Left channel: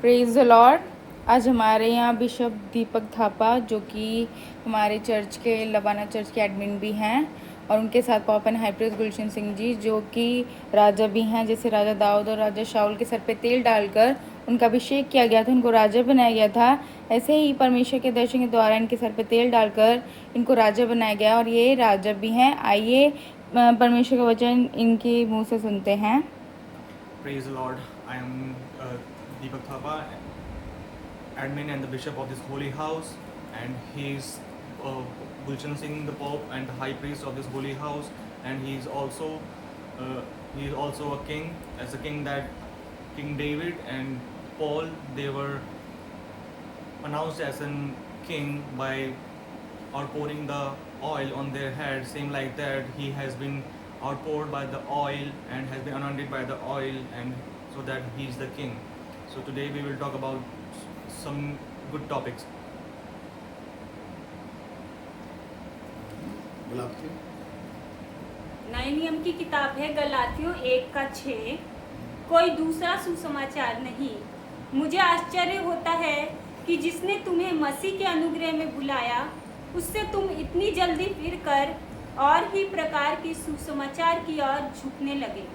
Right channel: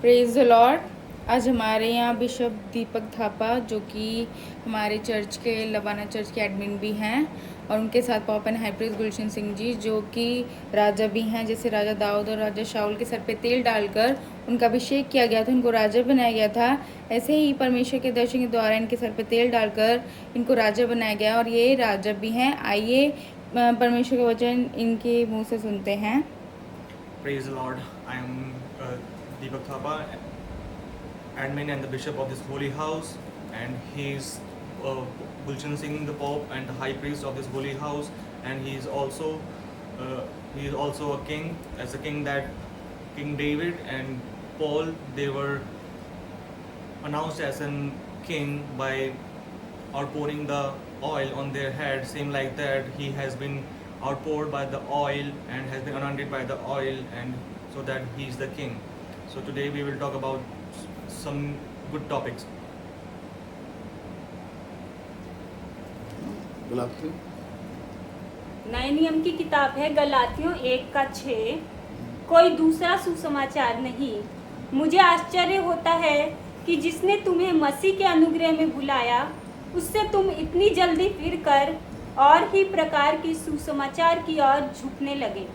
Praise the Lord. आज हमारे यहाँ बिशप दीपक थापा जो कि हमारे चर्च के लवाना चर्च के एडमिन भी हैं, और उनके साथ पापन हाई प्रीस्ट गुलशन सिंह जी जो कि राजा भी हैं। जैसे राजा दाऊद और राजा शाऊल के सर पे तेल डालकर उनका अभिषेक किया गया था, उनको राजा बनाया गया था, ऐसे ही परमेश्वर के दर्शन के द्वारा इनके सर पे तेल डालकर इनको राजा बनाया गया और ये राजा भी हैं। आइए परमेश्वर का वचन इनके मुँह से सुनते हैं। Praise the Lord. I am Deepak Thapa, admin and the bishop of this holy house, and he is Gulshan Singh, the Pope and the high priest of this holy house, and he is also a king, as a king that King David and Paul, they were announced as a king by outpouring the oil on their head. Same like that, he has been outpoured by the oil and has been anointed by the oil, and so that he is the king. So today we will talk about some good topics. नए नियम की किताब है गलातियों 1:6। कोई दूसरा सुसमाचार नहीं। मुझे आश्चर्य होता है कि जिसने तुम्हें मसीह के अनुग्रह में बुलाया उससे तुम इतनी जल्दी फिरकर और ही प्रकार की सुसमाचार की ओर झुकने लगे,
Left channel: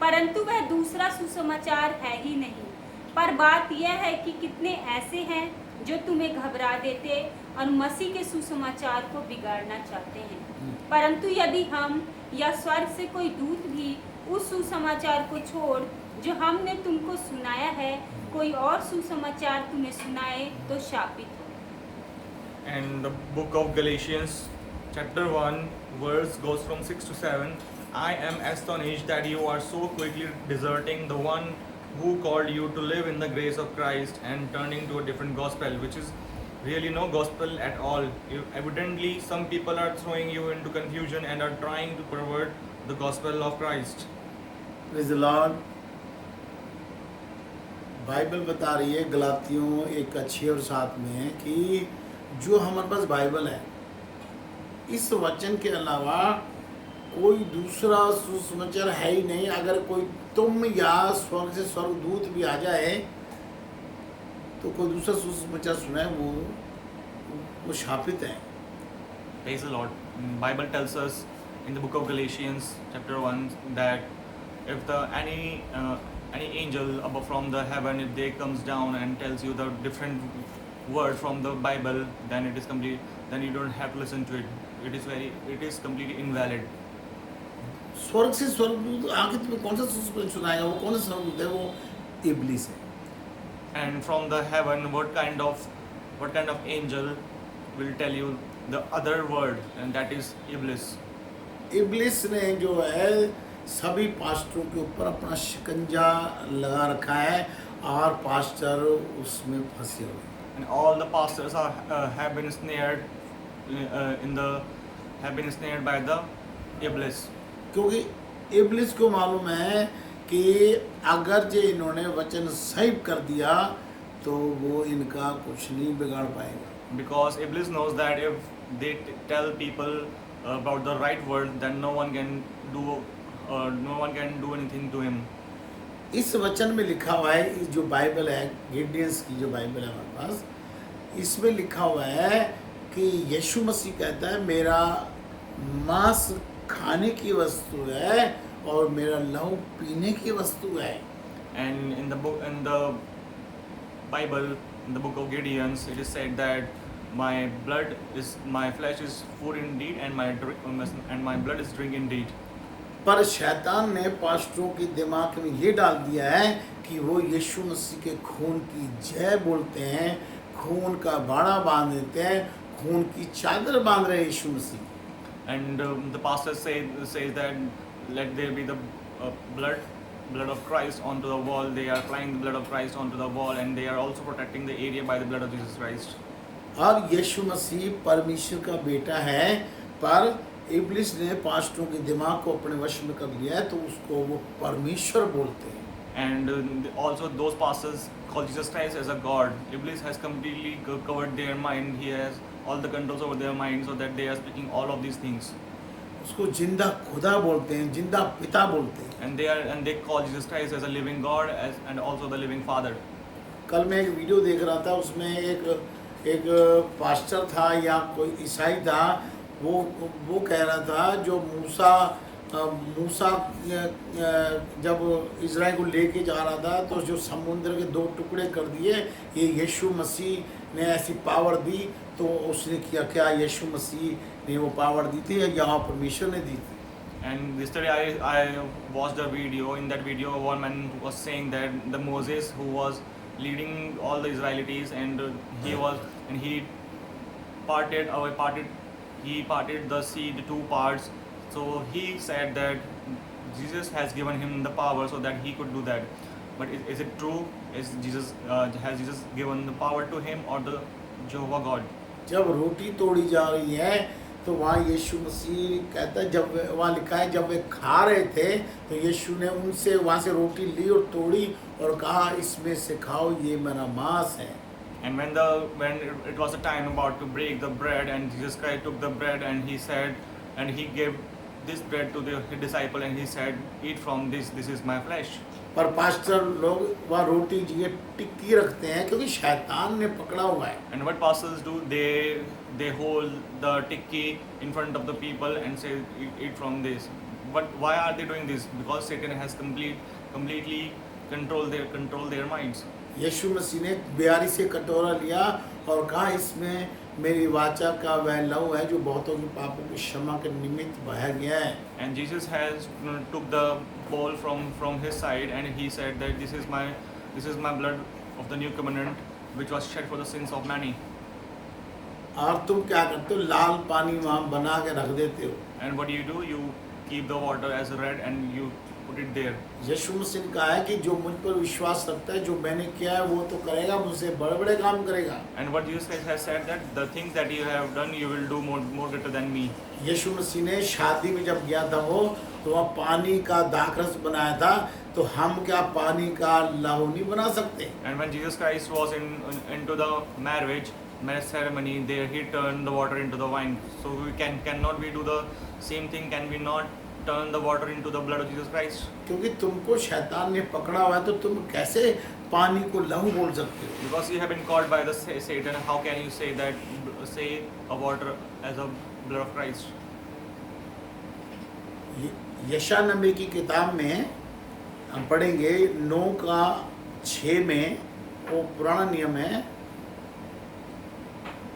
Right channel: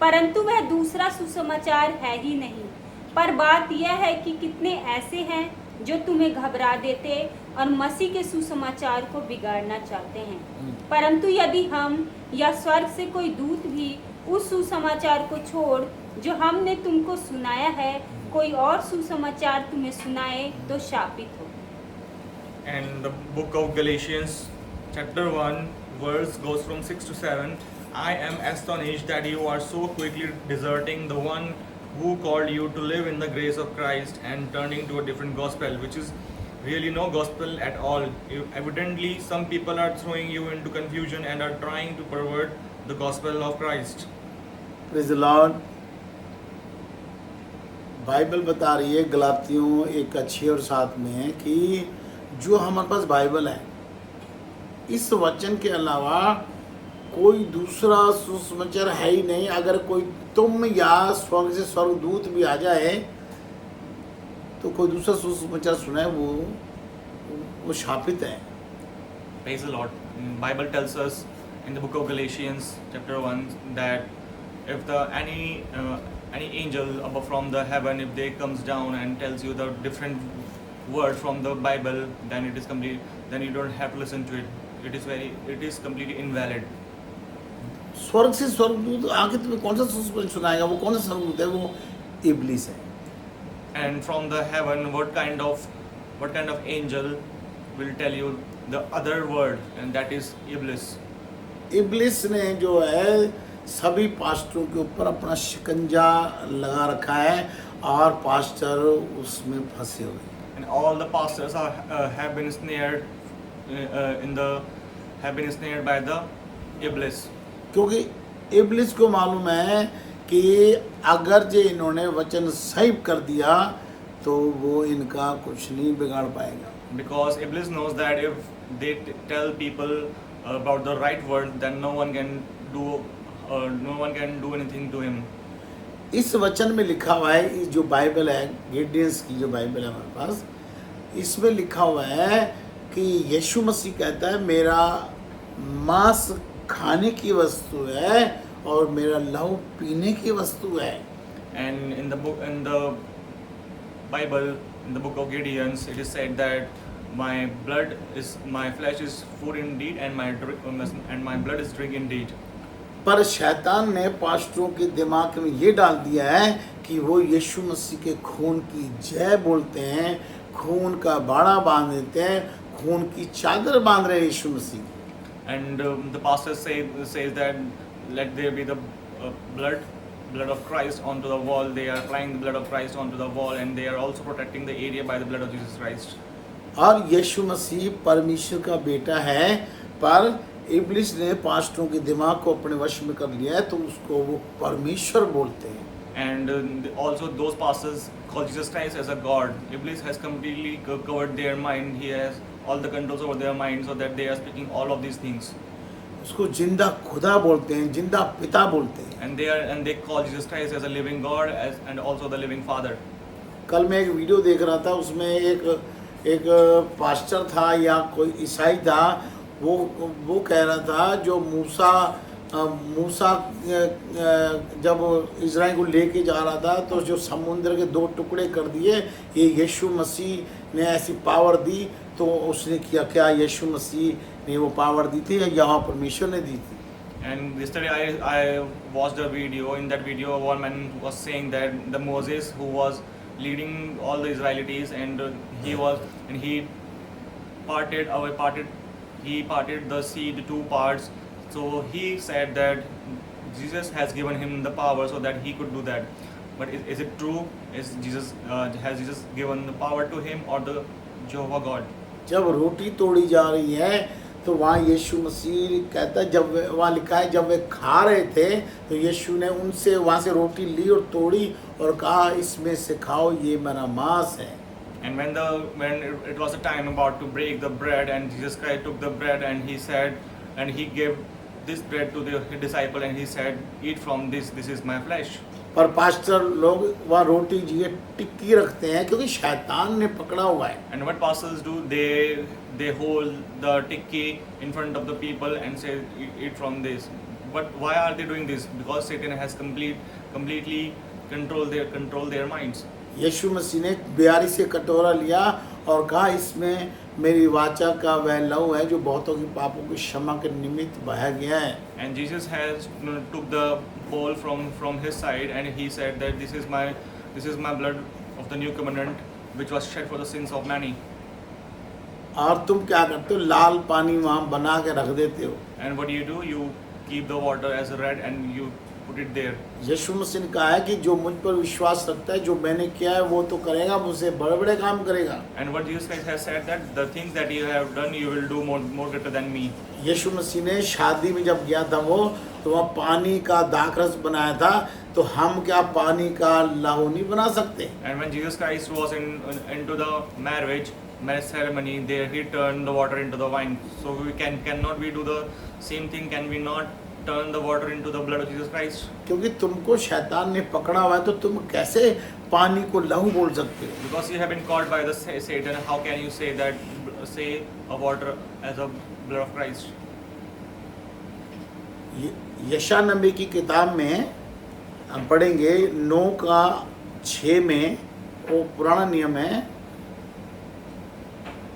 परंतु वह दूसरा सुसमाचार है ही नहीं। पर बात यह है कि कितने ऐसे हैं जो तुम्हें घबरा देते और मसीह के सुसमाचार को बिगाड़ना चाहते हैं। परंतु यदि हम या स्वर्ग से कोई दूत भी उस सुसमाचार को छोड़ जो हमने तुमको सुनाया है कोई और सुसमाचार तुम्हें सुनाए तो शापित हो। And the book of Galatians chapter 1 verse goes from 6 to 7. I am astonished that you are so quickly deserting the one who called you to live in the grace of Christ and turning to a different gospel, which is really no gospel at all. Evidently, some people are throwing you into confusion and are trying to pervert the gospel of Christ. Praise the Lord. Bible बता रही है गलातियों 1:6 और 7 में कि जो हमारे पास Bible है, इस वचन के अलावा कोई दूसरा सुसमाचार है ही नहीं। अगर कोई तुम या स्वर्ग से स्वर्गदूत भी आ जाए तो कोई दूसरा सुसमाचार सुनाए वो शापित है। Praise the Lord. Bible tells us in the book of Galatians chapter 1 that if any angel above from the heaven, if they comes down and tells you the different word from the Bible, then it is complete. Then you don't have to listen to it. It is completely invalid. स्वर्ग से स्वर्गदूत आके तुम्हें कौन सा सुसमाचार सुनाएगा? वो कौन सा स्वर्गदूत है? वो इब्लिस है। And from the heaven, what kind of angel will tell you the other word, and that is Iblis. इब्लिस ने जो है सभी पास्टरों के ऊपर अपना शिकंजा लगा रखा है और पास्टर उसमें फंसे हुए। And all the pastors have been snared by the Iblis. क्योंकि इब्लिस को मालूम है कि अगर जो इन्होंने वचन सही कर दिया तो वो इनका कुछ नहीं बिगाड़ पाएगा। Because Iblis knows that if they tell people about the right word, then no one can do anything to him. इस वचन में लिखा हुआ है, इस जो बाइबल है, गिडियंस की जो बाइबल है हमारे पास, इसमें लिखा हुआ है कि यीशु मसीह कहता है मेरा मांस खाने की वस्तु है और मेरा लहू पीने की वस्तु है। And in the Bible, in the book of Gideons, it is said that my flesh is food indeed, and my blood is drink indeed. पर शैतान ने पास्टरों के दिमाग में ये डाल दिया है कि वो यीशु मसीह के खून की जय बोलते हैं, खून का बाड़ा बांध देते हैं, खून की चादर बांध रहे यीशु मसीह। And the pastor says that let there be the blood of Christ onto the wall. They are applying the blood of Christ onto the wall, and they are also protecting the area by the blood of Jesus Christ. और यीशु मसीह परमेश्वर का बेटा है, पर इब्लिस ने पास्टरों के दिमाग को अपने वश में कर लिया है तो उसको वो परमेश्वर बोलते हैं। And also those pastors call Jesus Christ as a God. Iblis has completely covered their mind. He has all the controls over their mind, so that they are speaking all of these things. उसको जिंदा खुदा बोलते हैं, जिंदा पिता बोलते हैं। And they call Jesus Christ as a living God and also the living Father. कल मैं एक वीडियो देख रहा था, उसमें एक पास्टर था या कोई ईसाई था, वो कह रहा था जो मूसा जब इज़राइल को लेके जा रहा था तो जो समुद्र के 2 टुकड़े कर दिए, ये यीशु मसीह ने ऐसी पावर दी। तो उसने किया क्या? यीशु मसीह ने वो पावर दी थी या यहाँ परमेश्वर ने दी थी? And yesterday I watched a video. In that video, one man was saying that the Moses who was leading all the Israelites, and he parted the sea into 2 parts. So he said that Jesus has given him the power so that he could do that. But is it true? Has Jesus given the power to him or the Jehovah God? जब रोटी तोड़ी जा रही है तो वहाँ यीशु मसीह कहता है, जब वहाँ लिखा है जब वे खा रहे थे तो यीशु ने उनसे वहाँ से रोटी ली और तोड़ी और कहा, इसमें से खाओ, ये मेरा मांस है। And when it was a time about to break the bread, and Jesus Christ took the bread and he said, and he gave this bread to the disciple and he said, eat from this is my flesh. पर pastor लोग वहाँ रोटी ये टिक्की रखते हैं क्योंकि शैतान ने पकड़ा हुआ है। And what pastors do, they hold the tikki in front of the people and say, eat from this. But why are they doing this? Because Satan has completely controlled their minds. यीशु मसीह ने 42 से कटोरा लिया और कहा, इसमें मेरी वाचा का वह लहू है जो बहुतों के पापों की क्षमा के निमित्त बहा गया है। And Jesus has took the bowl from his side and he said that this is my blood of the new covenant which was shed for the sins of many. और तुम क्या करते हो? लाल पानी वहाँ बना के रख देते हो। And what do? You keep the water as red and you put it there. यीशु मसीह ने कहा है कि जो मुझ पर विश्वास रखता है, जो मैंने किया है वो तो करेगा, मुझसे बड़े-बड़े काम करेगा। And what Jesus Christ has said that the things that you have done you will do more greater than me. यीशु मसीह ने शादी में जब गया था वो, तो वहाँ पानी का दाखरस बनाया था, तो हम क्या पानी का लहू नहीं बना सकते? And when Jesus Christ was into the marriage ceremony, there he turned the water into the wine. So we cannot we do the same thing? Can we not turn the water into the blood of Jesus Christ? क्योंकि तुमको शैतान ने पकड़ा हुआ है, तो तुम कैसे पानी को लहू बोल सकते हो? Because you have been caught by the Satan, how can you say a water as a blood of Christ? यशायाह नबी की किताब में हम पढ़ेंगे 9:6 में, वो पुराना नियम है।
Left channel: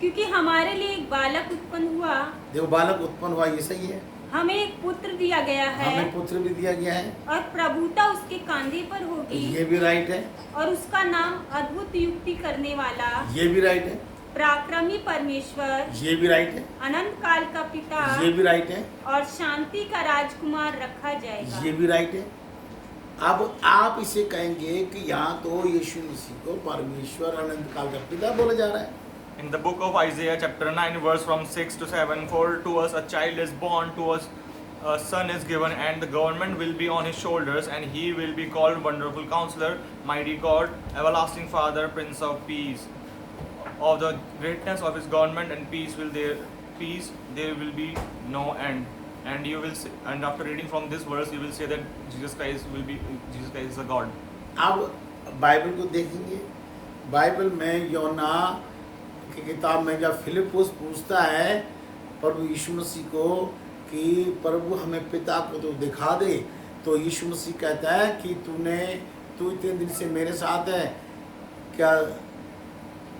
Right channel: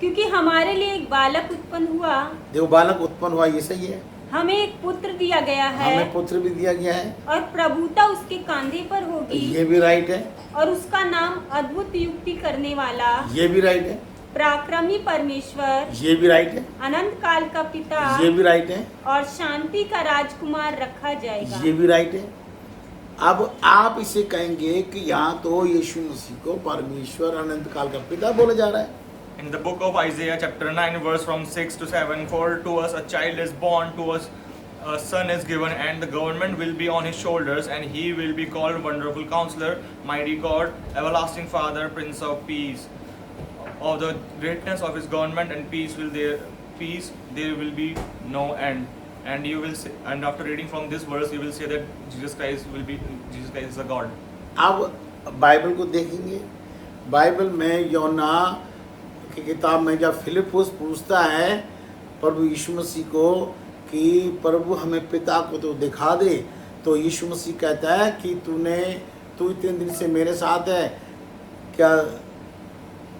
क्योंकि हमारे लिए एक बालक उत्पन्न हुआ, देखो बालक उत्पन्न हुआ, ये सही है। हमें एक पुत्र दिया गया है, हमें पुत्र भी दिया गया है, और प्रभुता उसके कांधे पर होगी, ये भी राइट है। और उसका नाम अद्भुत युक्ति करने वाला, ये भी राइट है। पराक्रमी परमेश्वर, ये भी राइट है। अनंत काल का पिता, ये भी राइट है। और शांति का राजकुमार रखा जाएगा। ये भी राइट है। अब आप इसे कहेंगे कि यहाँ तो यीशु मसीह को परमेश्वर अनंत काल का पिता बोला जा रहा है। In the book of Isaiah chapter 9 verse from 6 to 7, for to us a child is born, to us a son is given, and the government will be on his shoulders, and he will be called Wonderful Counselor, Mighty God, Everlasting Father, Prince of Peace. Of the greatness of his government and peace there will be no end. And you will say, and after reading from this verse you will say that Jesus Christ is a God. अब Bible को देखेंगे। Bible में योना की किताब में जब फिलिपुस पूछता है प्रभु यीशु मसीह को कि प्रभु हमें पिता को तो दिखा दे, तो यीशु मसीह कहता है कि तू इतने दिन से मेरे साथ है, क्या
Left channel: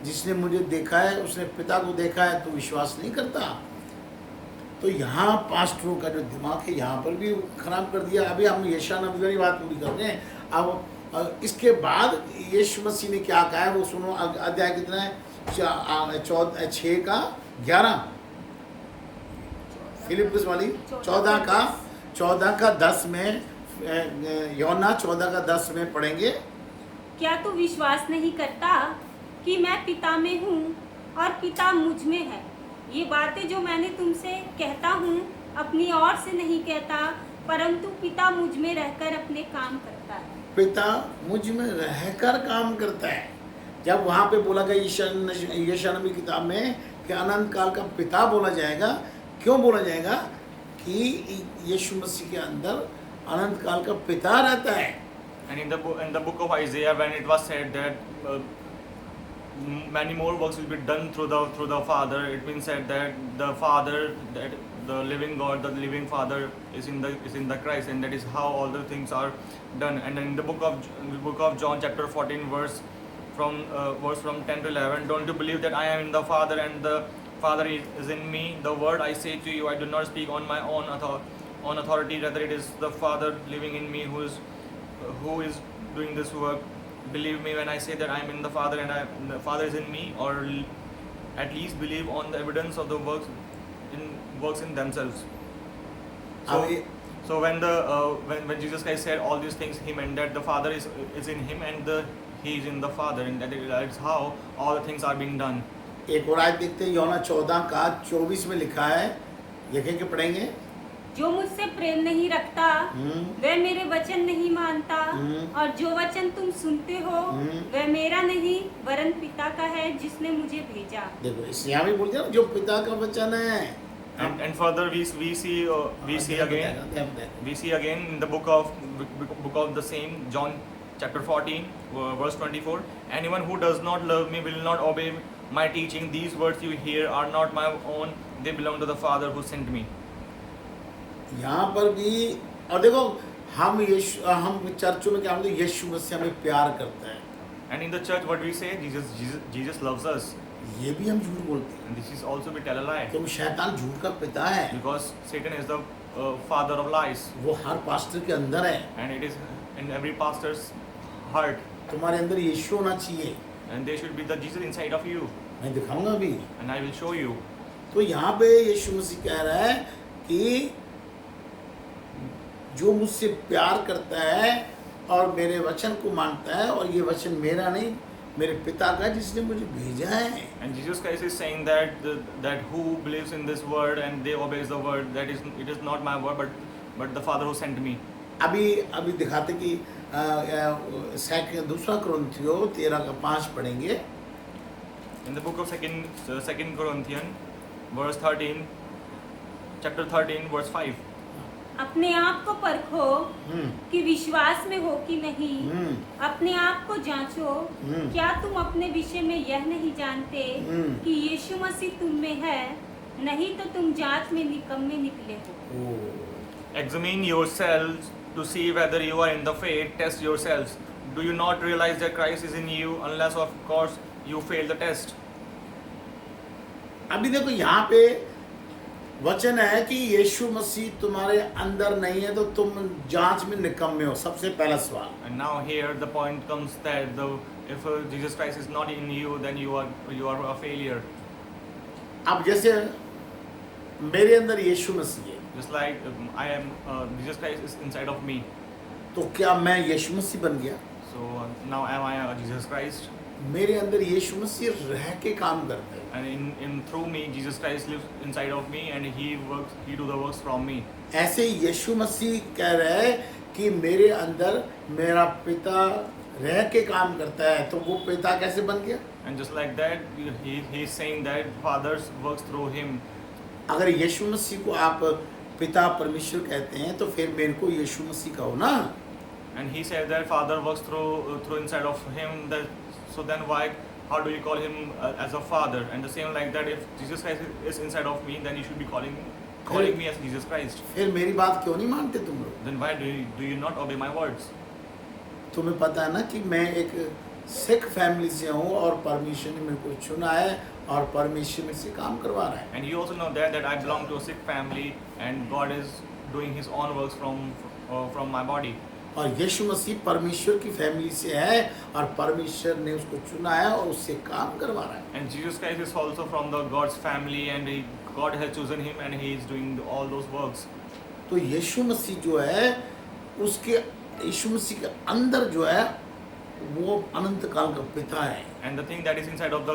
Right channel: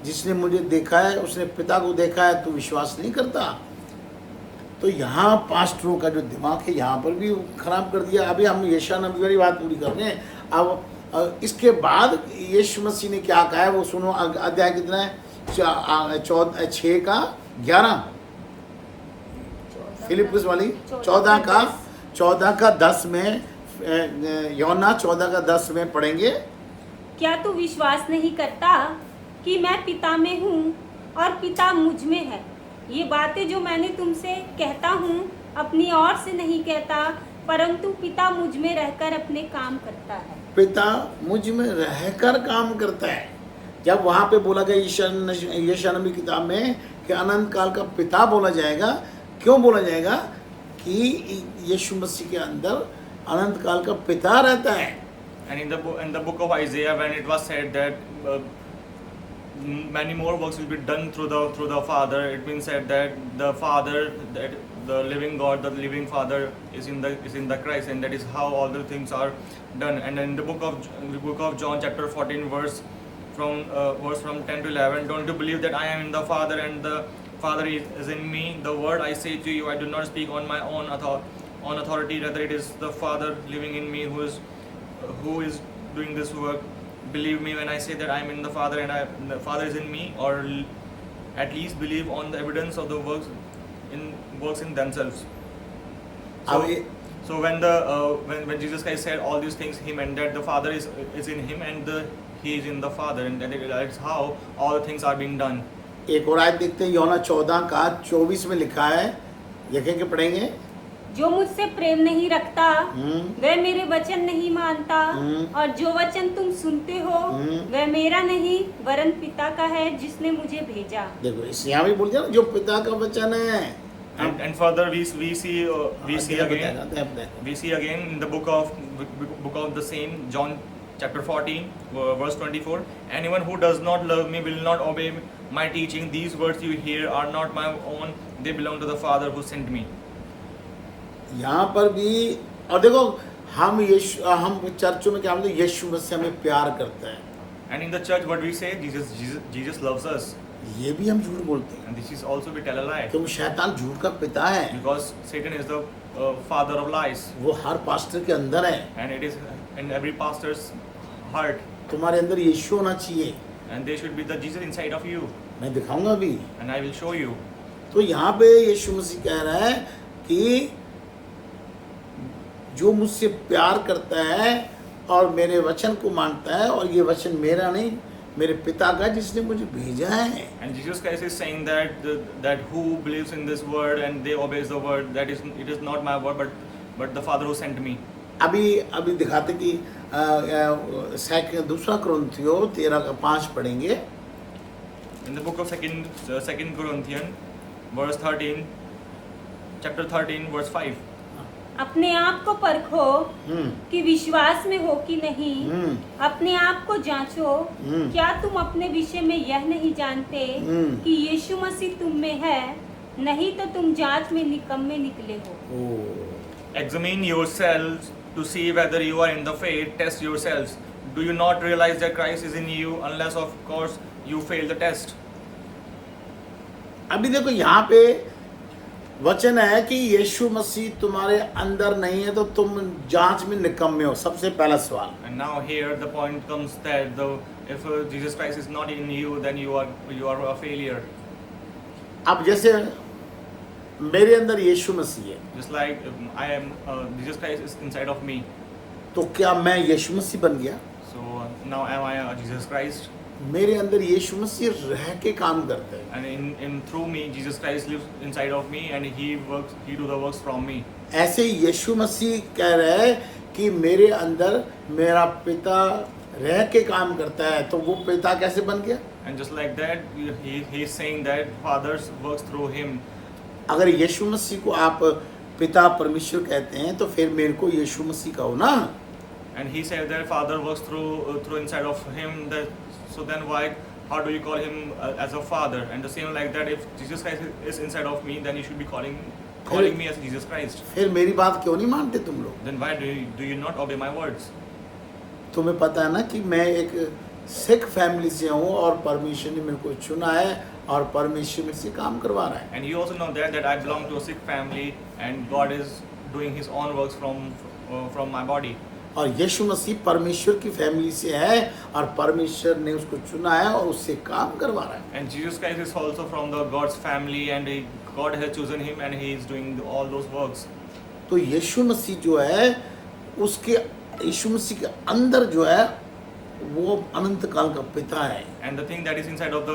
जिसने मुझे देखा है उसने पिता को देखा है, तू विश्वास नहीं करता? तो यहाँ पास्टरों का जो दिमाग है यहाँ पर भी खराब कर दिया। अभी हम यशायाह नबी वाली बात पूरी कर रहे हैं। अब इसके बाद यीशु मसीह ने क्या कहा है वो सुनो। अध्याय कितना है? 6:11। फिलिप्पुस वाली 14:10 में, योना 14:10 में पढ़ेंगे। क्या तू विश्वास नहीं करता कि मैं पिता में हूँ और पिता मुझ में है? ये बातें जो मैंने तुमसे कहता हूँ अपनी ओर से नहीं कहता, परंतु पिता मुझ में रहकर अपने काम करता है। पिता मुझ में रहकर काम करता है। जब वहाँ पे बोला गया यशायाह नबी किताब में कि अनंत काल का पिता बोला जाएगा, क्यों बोला जाएगा? कि यीशु मसीह के अंदर अनंत काल का पिता रहता है। And in the book of Isaiah, when it was said that many more works will be done through the Father. It means said that the Father, that the living God, the living Father is in the Christ, and that is how all the things are done. And in the book of John chapter 14 verse from 10 to 11, don't you believe that I am in the Father and the Father is in me? The word I say to you, I do not speak on my own authority, rather it is the Father living in me who is doing this work. Believe me when I say that I am in the Father and the Father is in me, or at least believe on the evidence of the works in themselves. So, अब ये so when Jesus Christ said all these things, he meant that the Father is in him and he is in the Father, and that is how all the things are being done. एक और आयत देखते हैं, यूहन्ना 14 का 24 में लिखा है, लिखेंगे पढ़ेंगे। जो मुझसे प्रेम नहीं रखता वह मेरे वचन नहीं मानता, और जो वचन तुम सुनते हो वह मेरा नहीं वरन पिता का है जिसने मुझे भेजा। देखो इस यहाँ भी बोल दिया ना, जो पिता का वचन है। And further we see again in the book of the same John chapter 14 verse 24, anyone who does not love me will not obey my teaching. These words you hear are not my own, they belong to the Father who sent me. यहाँ पर भी, और देखो हम चर्चों में क्या बोलते हैं, यीशु मसीह हमें प्यार करता है। And in the church what we say, Jesus loves us. ये भी हम झूठ बोलते हैं, And this is also we tell a lie, क्योंकि शैतान झूठ का पिता है, because Satan is the father of lies, वो हर पास्टर के अंदर है। and it is in every pastor's heart, तुम्हारे अंदर यीशु होना चाहिए, and there should be the Jesus inside of you, मैं दिखाऊंगा अभी। and I will show you. तो यहाँ पे यीशु मसीह कह रहा है कि जो मुझसे प्यार करता है और मेरे वचन को मानता है, और ये वचन मेरा नहीं मेरे पिता का जिसने मुझे भेजा है। And Jesus Christ is saying that who believes in this word and they obeys the word, that it is not my word but the Father who sent me. अभी दिखाते कि दूसरा कुरिन्थियों 13:5 पढ़ेंगे। In the book of second Corinthians verse 13, chapter 13 verse 5. अपने आप को परखो कि विश्वास में हो कि नहीं, अपने आप को जांचो, क्या तुम अपने विषय में यह नहीं जानते कि यीशु मसीह तुम में है, नहीं तो तुम जांच में निकम्मे निकले हो। Examine yourselves to see whether you are in the faith. Test yourselves. Do you not realize that Christ is in you, unless of course you fail the test? अभी देखो यहाँ पे वचन है कि यीशु मसीह तुम्हारे अंदर नहीं है तो तुम जांच में निकम्मे हो। सबसे पहला सवाल। And now here the point comes that if Jesus Christ is not in you, then you are a failure. अब जैसे मेरे अंदर यीशु मसीह है, Just like Jesus Christ is inside of me. तो क्या मैं यीशु मसीह बन गया? So now am I a Jesus Christ? मेरे अंदर यीशु मसीह रह के काम करता है, And in through me, Jesus Christ lives inside of me, and He do the works from me. ऐसे ही यीशु मसीह कह रहा है कि मेरे अंदर मेरा पिता रह के काम करता है, तो वो पिता कैसे बन गया? And just like that, he is saying that Father works through him. अगर यीशु मसीह को आप पिता परमेश्वर कहते हैं तो फिर मेरे को यीशु मसीह कहो ना। And he said that Father works through inside of him. So then how do you call him as a father? And the same like that, if Jesus Christ is inside of me, then you should be calling me as Jesus Christ. फिर मेरी बात क्यों नहीं मानते तुम लोग? Then why do you not obey my words? तुम्हें पता है ना कि मैं एक सिख फैमिली से हूँ और परमेश्वर ने मेरे को चुना है और परमेश्वर मेरे से काम करवा रहा है। And you also know that I belong to a Sikh family, and God is doing His own works from my body. और यीशु मसीह परमेश्वर की फैमिली से है और परमेश्वर ने उसको चुना है और उससे काम करवा रहा है। And Jesus Christ is also from the God's family, and God has chosen him, and He is doing all those works. तो यीशु मसीह जो है उसके यीशु मसीह के अंदर जो है वो अनंत काल का पिता है। And the thing that is inside of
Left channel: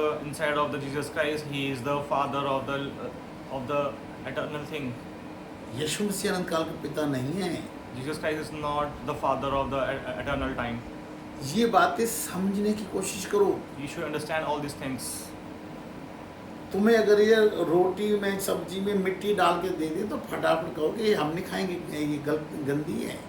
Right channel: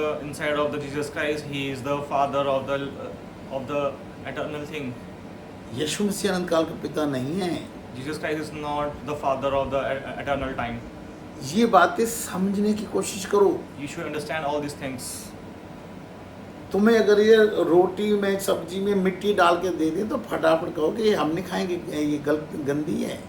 the Jesus Christ, He is the Father of the eternal thing. यीशु मसीह अनंत काल का पिता नहीं है। Jesus Christ is not the Father of the eternal time. ये बातें समझने की कोशिश करो। You should understand all these things. तुम्हें अगर ये रोटी में सब्जी में मिट्टी डाल के दे दें तो फटाफट कहोगे ये हम नहीं खाएंगे, ये गंदी है।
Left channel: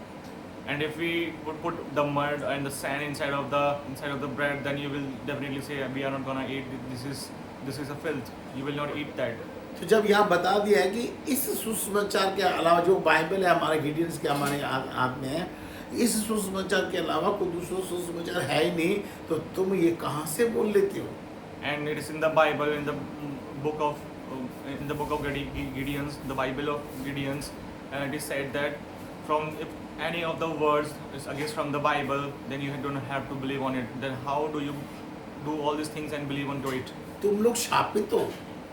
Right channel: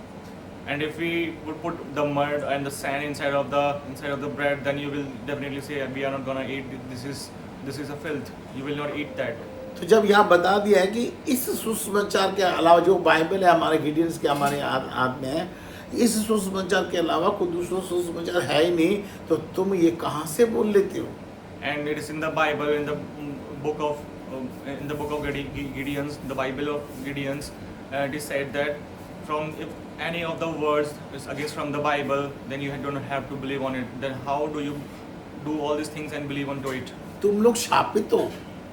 And if we would put the mud and the sand inside of the bread, then you will definitely say we are not gonna eat. This is a filth. You will not eat that. तो जब यहाँ बता दिया है कि इस सुसमाचार के अलावा जो बाइबल है हमारे गिडियंस के हमारे हाथ में है, इस सुसमाचार के अलावा कोई दूसरा सुसमाचार है ही नहीं, तो तुम ये कहाँ से बोल लेते हो? And it is in the Bible, in the book of Gideon's, the Bible of Gideon's, it is said that if any of the words is against from the Bible, then you don't have to believe on it. Then how do you do all these things and believe onto it? तुम लोग शापित हो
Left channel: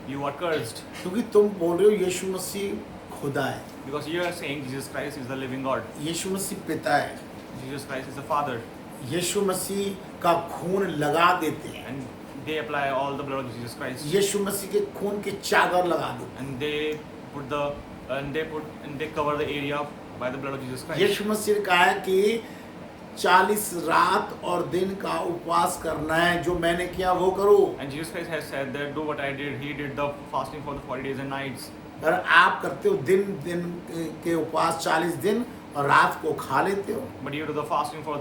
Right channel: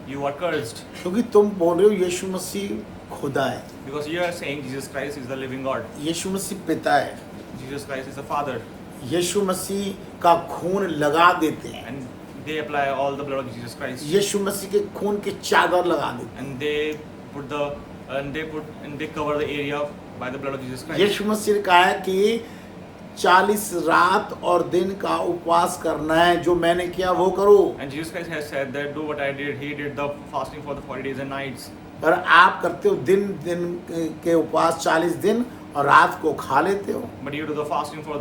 You are cursed क्योंकि तुम बोल रहे हो यीशु मसीह खुदा है, because you are saying Jesus Christ is the living God. यीशु मसीह पिता है, Jesus Christ is the Father, यीशु मसीह का खून लगा देते हैं, and they apply all the blood of Jesus Christ, यीशु मसीह के खून के चादर लगा देते and they cover the area by the blood of Jesus हैं। Christ. यीशु मसीह ने कहा है कि 40 रात और दिन का उपवास करना है, जो मैंने किया वो करो। And Jesus Christ has said that do what I did. He did the fasting for the 40 days and nights. पर आप करते हो दिन के उपवास 40 दिन और रात को खा लेते हो, But you do the fasting for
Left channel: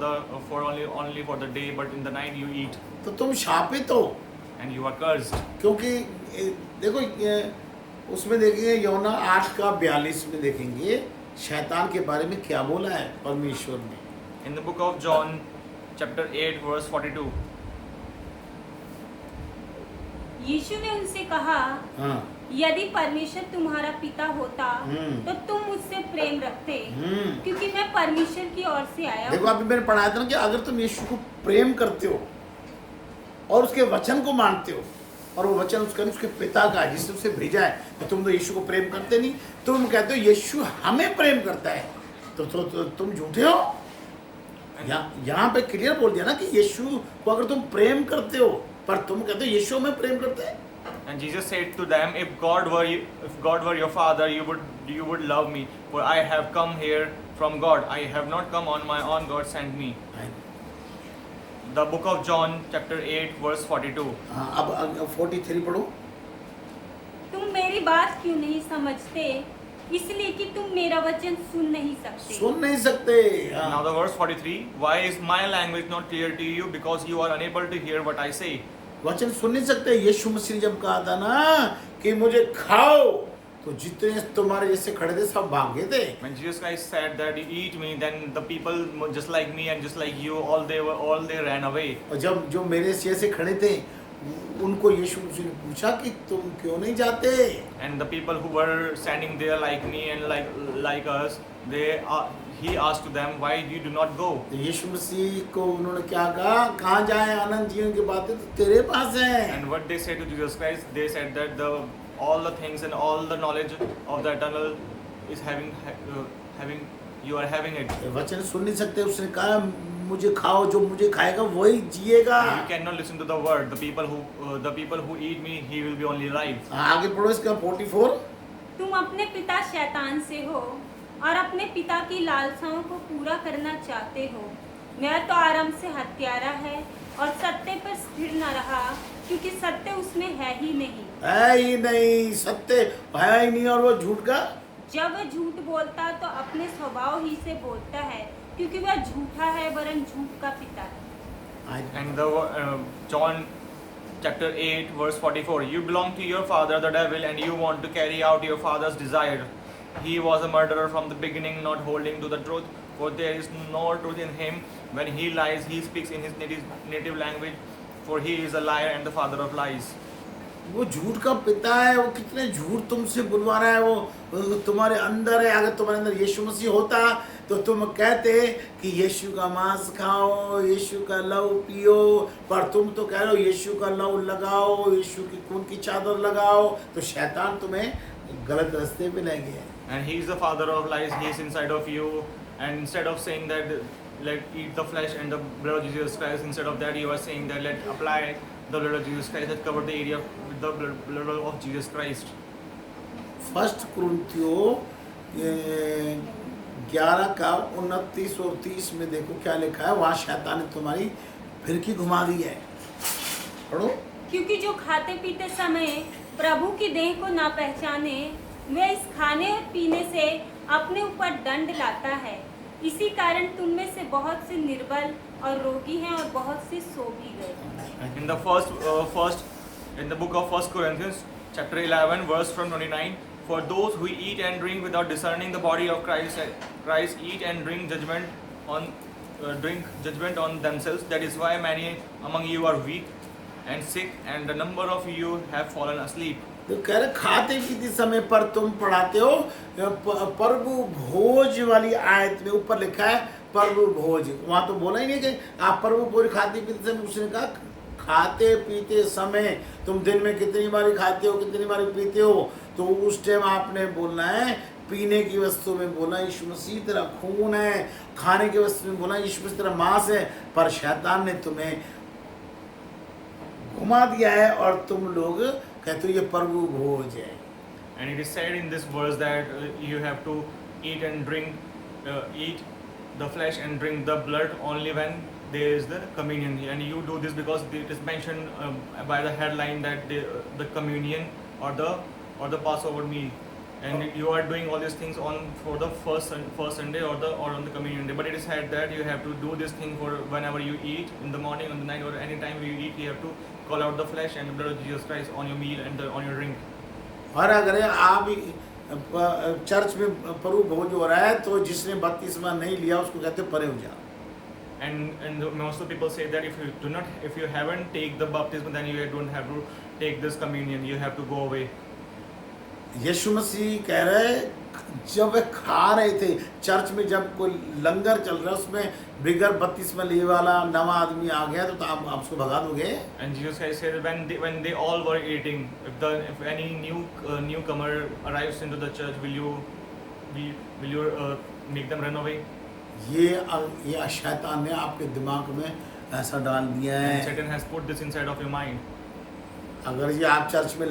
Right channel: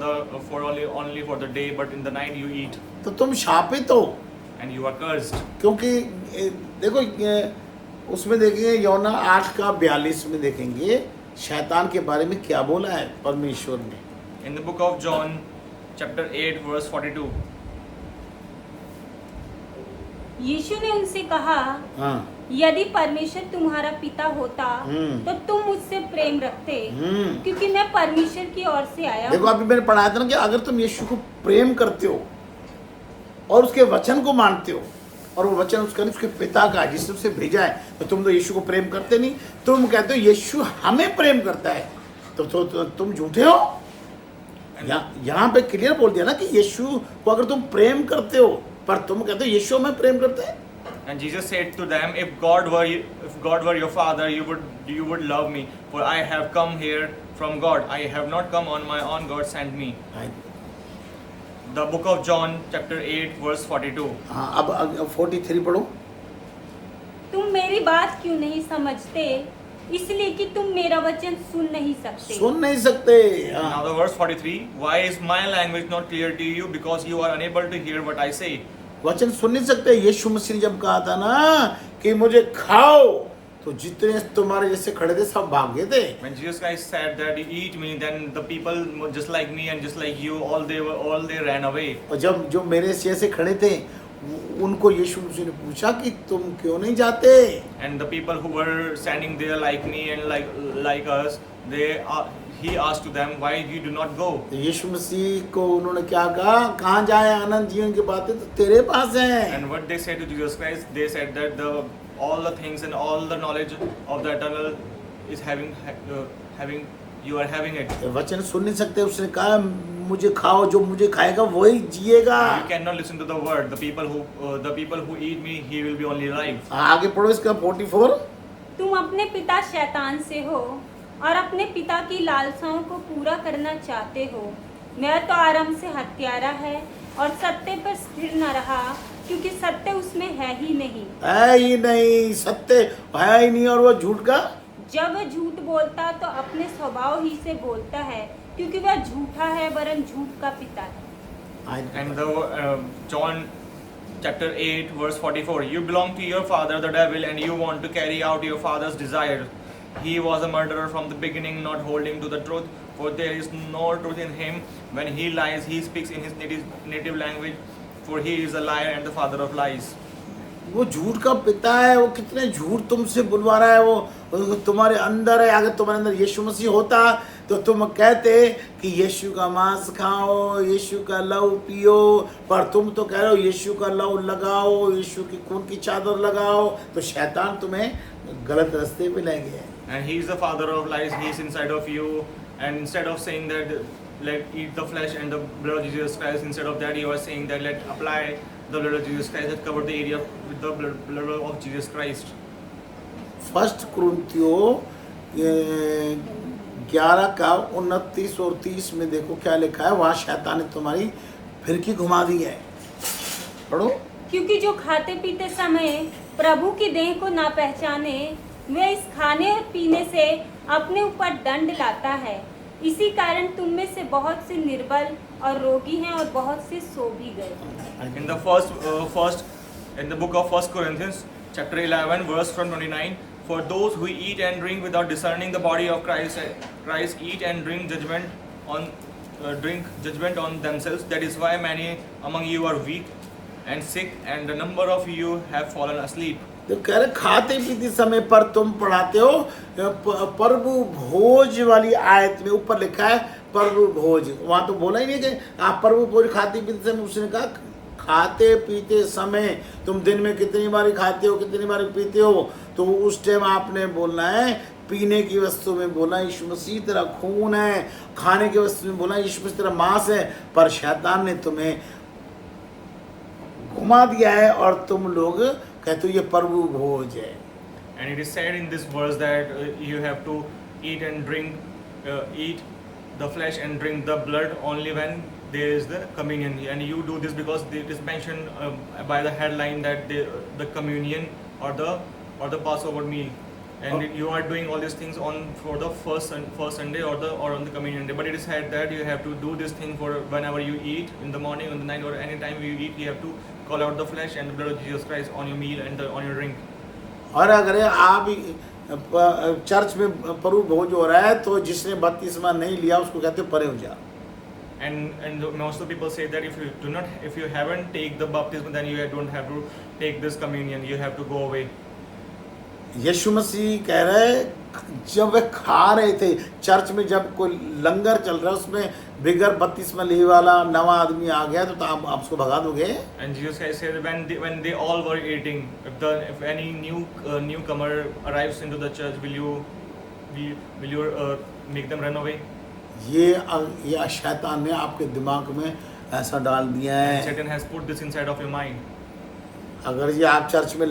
only for the day, but in the night you eat, तो तुम शापित हो। and you are cursed. क्योंकि देखो उसमें देखेंगे यौना 8:42 में देखेंगे शैतान के बारे में क्या बोला है परमेश्वर ने। In the book of John, chapter 8, verse 42. यीशु ने उनसे कहा, हाँ, यदि परमेश्वर तुम्हारा पिता होता तो तुम मुझसे प्रेम रखते, क्योंकि मैं परमेश्वर की ओर से आया देखो हूँ। अभी मैंने पढ़ाया था ना कि अगर तुम यीशु को प्रेम करते हो और उसके वचन को मानते हो और वो वचन उसके पिता का है जिसने उसे भेजा है, तो तुम तो यीशु को प्रेम करते नहीं, तुम कहते हो यीशु हमें प्रेम करता है, तो तुम झूठे हो। यहाँ पे क्लियर बोल दिया ना कि यीशु को अगर तुम प्रेम करते हो, पर तुम कहते हो यीशु हमें प्रेम करता है। And Jesus said to them, if God were your father, you would love me, for I have come here from God. I have not come on my own. God sent me. The book of John, chapter 8, verse 42. हाँ, अब 43 पढ़ो। तुम मेरी बात क्यों नहीं समझते? इसलिए कि तुम मेरा वचन सुन नहीं सकते। सुन नहीं सकते। Now the verse 43. Why is my language not clear to you? Because you are unable to hear what I say. वचन सुन नहीं सकते। यीशु मसीह ने जब कहा था ना कि मुझे खाओ, तो जितने तुम्हारे जैसे खड़े थे सब भाग गए थे। When Jesus Christ said that eat me, then the people just like me and just like you, all they ran away. और जब जो मेरे जैसे खड़े थे उनको यीशु मसीह ने पूछा कि तुम क्यों नहीं जाते? And the people who were standing there like me and like us, he asked to them, why you do not go? यीशु मसीह को उन्होंने क्या कहा? कहाँ जाए? अनंत जीवन की बातें तो तेरे पास हैं। And what they said to Jesus Christ, they said that all the things and all the knowledge of the eternal is you are having it. वचन सुन नहीं सकते। उसने कहा मुझे खाओ, जो मुझे खाएगा वही जिएगा। You cannot listen to the word. The people who eat me, he will be only alive. आगे पढ़ो इसका 44। तुम अपने पिता शैतान से हो और अपने पिता की लालसाओं को पूरा करना चाहते हो। मैं तो आरंभ से हत्यारा है और सत्य पर स्थिर न रहा, क्योंकि सत्य उसमें है ही नहीं। है ही नहीं, सत्य है ही नहीं, और वो झूठ का। जब वह झूठ बोलता तो अपने स्वभाव ही से बोलता है, क्योंकि वह झूठा है वरन झूठ का पिता है। And John chapter 8 verse 44. You belong to your father the devil, and you want to carry out your father's desire. He was a murderer from the beginning, not holding to the truth, for there is no truth in him. When he lies, he speaks in his native language, for he is a liar and the father of lies. वो झूठ का पिता है। वो कितने झूठ तुमसे बुलवा रहा है। वो तुम्हारे अंदर है। अगर तुम्हारे अंदर यीशु मसीह होता तो तुम कहते कि यीशु का मांस खाओ, यीशु का लहू पियो, पर तुम तो कह रहे हो यीशु का लहू लगाओ, यीशु की खून की चादर लगाओ। तो शैतान तुम्हें गलत रास्ते पे ले गया। And he is the father of lies. He is inside of you. And instead of saying that let eat the flesh and the blood of Jesus Christ, instead of that you are saying that let apply the blood of Jesus Christ, that cover the area with the blood of Jesus Christ. 1 कुरिन्थियों 11:29 और 30 में देखो क्या लिखा है। वहाँ शैतान ने तुम्हारी फिरकी घुमा दी है। पढ़ो। क्योंकि जो खाते पीते समय प्रभु की देह को ना पहचाने, वे इस खाने और पीने से अपने ऊपर दंड लाता है। इसी कारण तुम में से बहुत से निर्बल और रोगी हैं और बहुत से सो भी गए। In the in the book of 1 Corinthians, chapter 11, verse from 29, for those who eat and drink without discerning the body of Christ eat and drink judgment on themselves. That is why many among you are weak and sick, and the number of you have fallen asleep. तो कह रहे खाते पीते समय पर तुम पढ़ाते हो प्रभु भोज वाली आयत में ऊपर लिखा है प्रभु भोज, वहां तो बोला ही नहीं कि आप प्रभु भोज खाते पीते समय। उसने कहा खाते पीते समय तुम दिन में कितनी बारी खाते हो कितनी बारी पीते हो, तो उस टाइम आपने बोलना है। पीने की वस्तु में बोला यीशु मसीह तेरा खून है, खाने की वस्तु में बोला यीशु मसीह तेरा मांस है, पर शैतान ने तुम्हें घुमा दिया है और तुम लोग कहते हो ये प्रभु भोज है। And it is said in this verse that you have to eat and drink, eat the flesh and drink the blood only when there is the communion. And you do this because it is mentioned by the headline that the communion or the Passover meal. And you are doing all these things for the first Sunday or on the communion day. But it is said that you have to do this thing for whenever you eat, in the morning, on the night, or any time you eat. You have to call out the flesh and the blood of Jesus Christ on your meal and on your drink. और अगर आप church में प्रभु भोज हो रहा है तो जिसने बपतिस्मा नहीं लिया उसको कहते परे हो जा। And most of the people say that if you haven't take the baptism, then you don't have to take this communion. You have to go away. यीशु मसीह कह रहे जब वे खा रहे थे चर्च में, जब कोई लंगर चल रहा है उसमें बिगर बपतिस्मा लिए वाला नवा आदमी आ गया तो आप उसको भगा दोगे। And Jesus Christ said when they all were eating, if any newcomer arrives into the church, will you make them run away? ये शैतान ने आपके दिमाग में ऐसा डाल दिया है। And Satan has put this inside of your mind. अगर ये आप चर्च में